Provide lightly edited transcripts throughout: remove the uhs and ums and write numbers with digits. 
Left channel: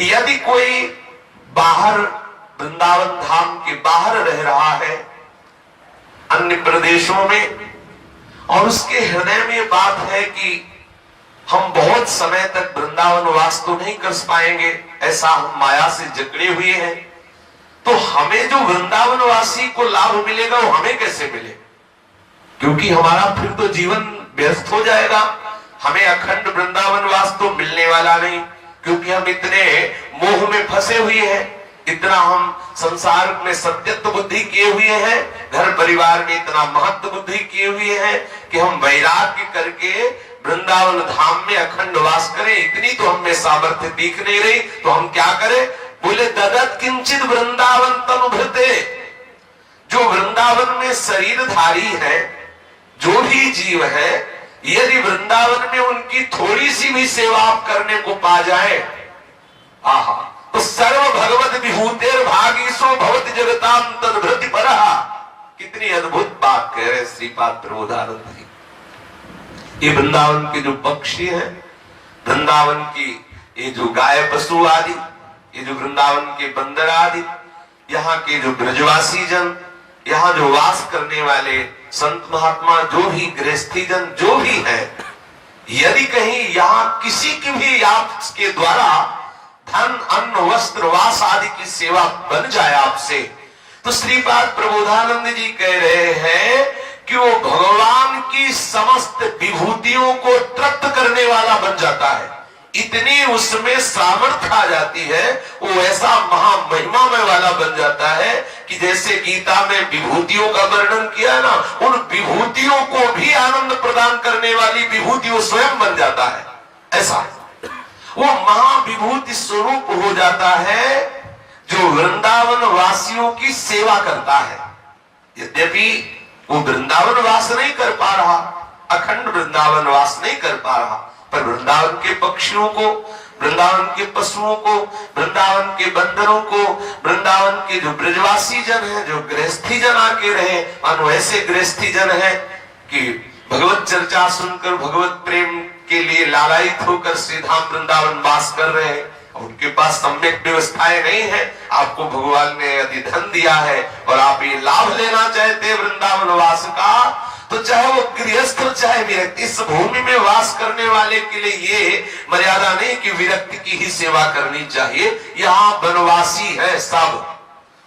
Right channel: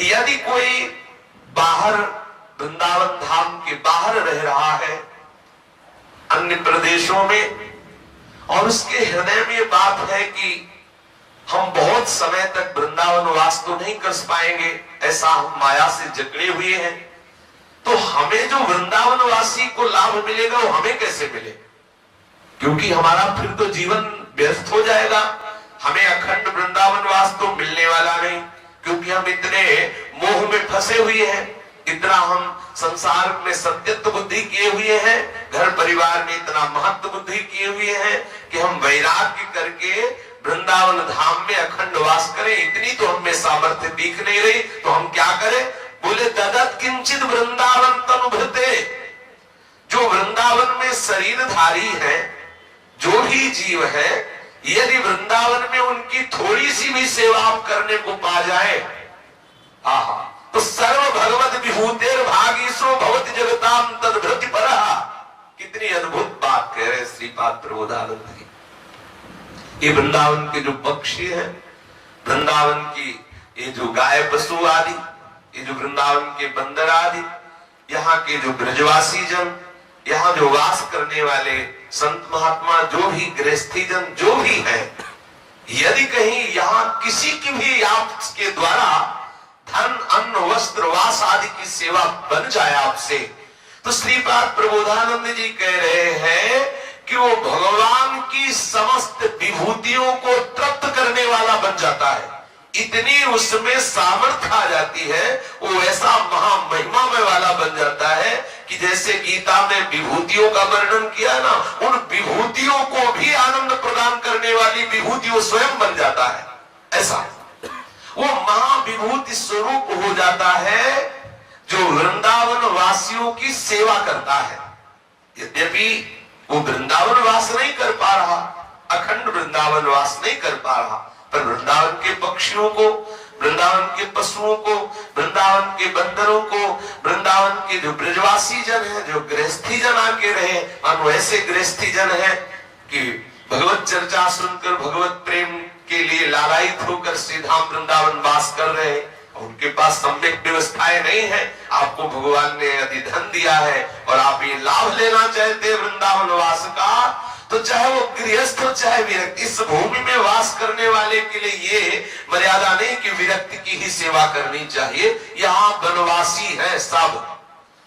यदि कोई बाहर, वृंदावन धाम के बाहर रह रहा है अन्य प्रदेशों में, और उसके हृदय में ये बात है कि हम बहुत समय तक वृंदावन वास तो नहीं कर पाएंगे, ऐसा हम माया से जकड़े हुए हैं, तो हमें जो वृंदावन वासी को लाभ मिलेगा वो हमें कैसे मिले? क्योंकि हमारा फिर तो जीवन व्यस्त हो जाएगा, हमें अखंड वृंदावन वास तो मिलने वाला नहीं, क्योंकि हम इतने मोह में फंसे हुए हैं, इतना हम संसार में सत्यत्व बुद्धि किए हुए हैं, घर परिवार में इतना महत्व बुद्धि किए हुए हैं कि हम वैराग्य करके वृंदावन धाम में अखंड वास करें, इतनी तो हमें सामर्थ्य दिख नहीं रही। तो हम क्या करें? बोले ददत किंचित वृंदावन तनुभृते, जो वृंदावन में शरीरधारी है, जो भी जीव है, यदि वृंदावन में उनकी थोड़ी सी भी सेवा आप करने को पा जाए, आहा, तो सर्व भगवत विभूतेर भागीसो भवति जगताम तद्भृति परहा। कितनी अद्भुत बात कह रहे श्रीपाद प्रबोधानंद जी। ये वृंदावन के जो पक्षी हैं, वृंदावन की ये जो गाय पशु आदि, ये जो वृंदावन के बंदर आदि, यहाँ के जो ब्रजवासी जन, यहाँ जो वास करने वाले संत महात्मा, जो भी गृहस्थी जन जो भी है, यदि कहीं यहाँ किसी की भी आपके द्वारा धन अन्न वस्त्र वास आदि की सेवा बन जाए आपसे, तो श्रीपाद प्रबोधानंद जी कह रहे हैं कि वो भगवान की समस्त विभूतियों को तृप्त करने वाला बन जाता है। इतनी उसमें सामर्थ्य आ जाती है, वो ऐसा महामहिमामय वाला बन जाता है कि जैसे गीता में विभूतियों का वर्णन किया ना, उन विभूतियों को भी आनंद प्रदान करने वाली विभूति वो स्वयं बन जाता है। ऐसा वो महाविभूति स्वरूप हो जाता है जो वृंदावन वासियों की सेवा करता है। यद्यपि वो वृंदावन वास नहीं कर पा रहा, अखंड वृंदावन वास नहीं कर पा रहा, पर वृंदावन के पक्षियों को, वृंदावन के पशुओं को, वृंदावन के बंदरों को, वृंदावन के जो ब्रजवासी जन है, जो गृहस्थी जन आके रहे, मानो ऐसे गृहस्थी जन है कि भगवत चर्चा सुनकर भगवत प्रेम के लिए लालायित होकर श्रीधाम वृंदावन वास कर रहे हैं, उनके पास सम्यक व्यवस्थाएं नहीं है। आपको भगवान ने यदि धन दिया है और आप ये लाभ लेना चाहते हैं वृंदावन वास का, तो चाहे वो गृहस्थ हो चाहे विरक्त, इस भूमि में वास करने वाले के लिए ये मर्यादा नहीं कि विरक्त की ही सेवा करनी चाहिए। यहाँ वनवासी है सब,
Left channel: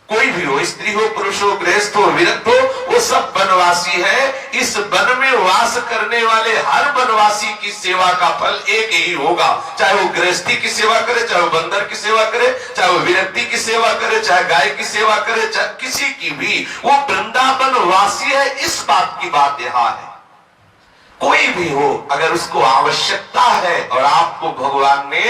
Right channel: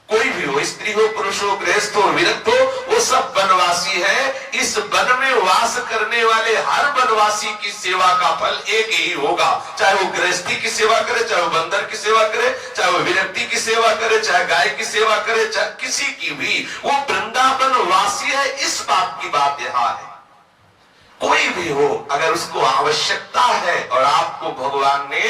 कोई भी हो, स्त्री हो, पुरुष हो, गृहस्थ हो, विरक्त हो, वो सब वनवासी है। इस वन में वास करने वाले हर वनवासी की सेवा का फल एक ही होगा, चाहे वो गृहस्थी की सेवा करे, चाहे वो बंदर की सेवा करे, चाहे वो विरक्ति की सेवा करे, चाहे गाय की सेवा करे, चाहे किसी की भी, वो वृंदावन वासी है। इस बात की बात यहाँ है। कोई भी हो, अगर उसको आवश्यकता है और आपको भगवान ने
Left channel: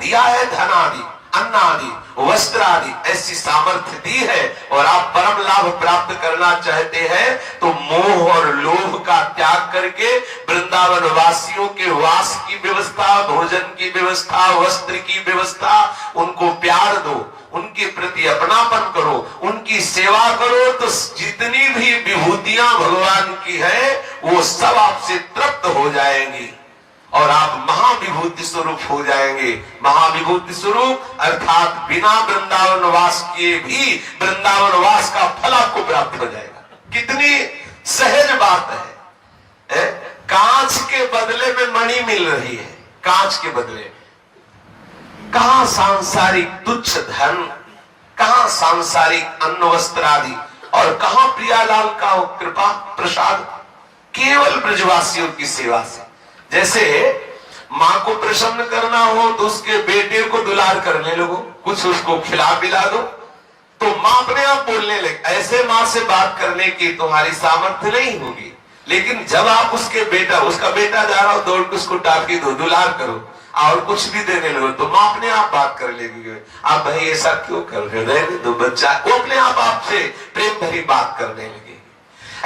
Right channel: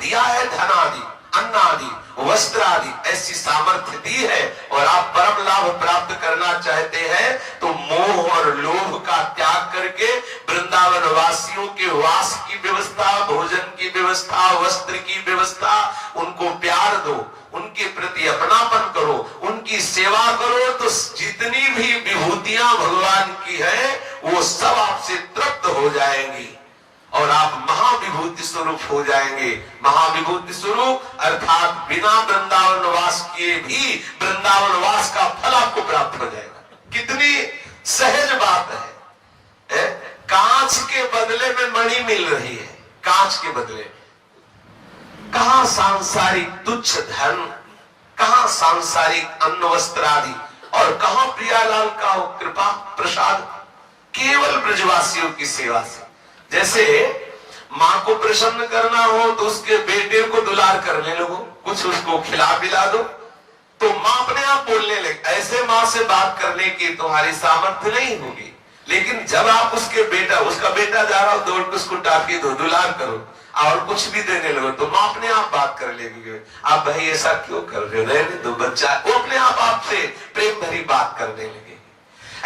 दिया है धन आदि, अन्न आदि, वस्त्र आदि, ऐसी सामर्थ्य दी है और आप परम लाभ प्राप्त करना चाहते हैं, तो मोह और लोभ का त्याग करके वृंदावन वासियों के वास की व्यवस्था, भोजन की व्यवस्था, वस्त्र की व्यवस्था, उनको प्यार दो, उनके प्रति अपनापन करो, उनकी सेवा करो, तो जितनी भी विभूतियां भगवान की है वो सब आपसे तृप्त हो जाएंगी और आप महाविभूति स्वरूप हो जाएंगे। महाविभूति स्वरूप अर्थात बिना वृंदावन वास किए भी वृंदावन वास का फल आपको प्राप्त हो जाएगा। कितनी सहज बात है। कांच के बदले में मणि मिल रही है, कांच के बदले। कहां सांसारिक तुच्छ धन, कहां सांसारिक अन्न वस्त्र आदि, और कहां प्रियालाल का कृपा प्रसाद, केवल ब्रजवासियों की सेवा से। जैसे माँ को प्रसन्न करना हो तो उसके बेटे को दुलार करने लगो, कुछ उसको खिला पिला दो, तो माँ अपने आप बोलने लगे। ऐसे माँ से बात करने की तुम्हारी सामर्थ्य नहीं होगी, लेकिन जब आप उसका बेटा जा रहा हो, दौड़ के उसको टाफी दो, दुलार करो और कुछ भी देने लगो, तो माँ अपने आप बात कर लेगी। आप भाई ऐसा क्यों कर रहे हो, रहने दो बच्चा, वो अपने आप आपसे प्रेम भरी बात करने लगे।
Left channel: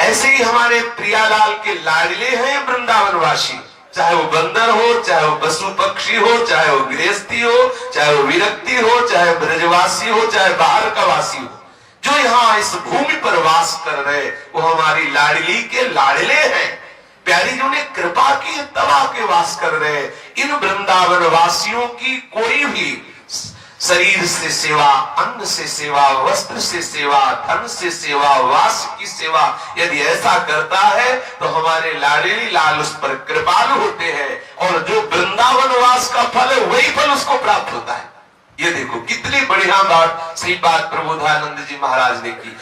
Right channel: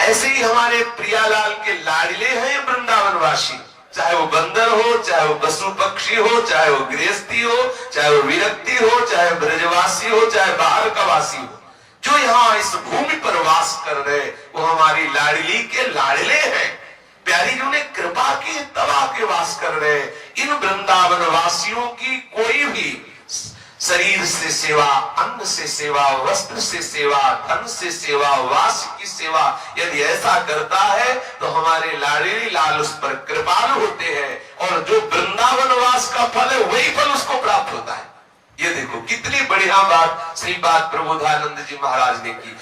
ऐसे ही हमारे प्रियालाल के लाडले हैं वृंदावन वासी, चाहे वो बंदर हो, चाहे वो पशु पक्षी हो, चाहे वो गृहस्थी हो, चाहे वो विरक्ति हो, चाहे ब्रजवासी हो, चाहे बाहर का वासी हो, जो यहाँ इस भूमि पर वास कर रहे, वो हमारी लाडली के लाडले हैं। प्यारी जी ने कृपा की तब आके वास कर रहे। इन वृंदावन वासियों की कोई भी शरीर से सेवा, अन्न से सेवा, वस्त्र से सेवा, धन से सेवा, वास की सेवा यदि ऐसा करता है तो हमारे लाडली लाल उस पर कृपालु होते हैं और जो वृंदावन वास का फल है वही फल उसको प्राप्त होता है। ये देखो कितनी बढ़िया बात श्रीपाद प्रबोधानंद जी महाराज ने की।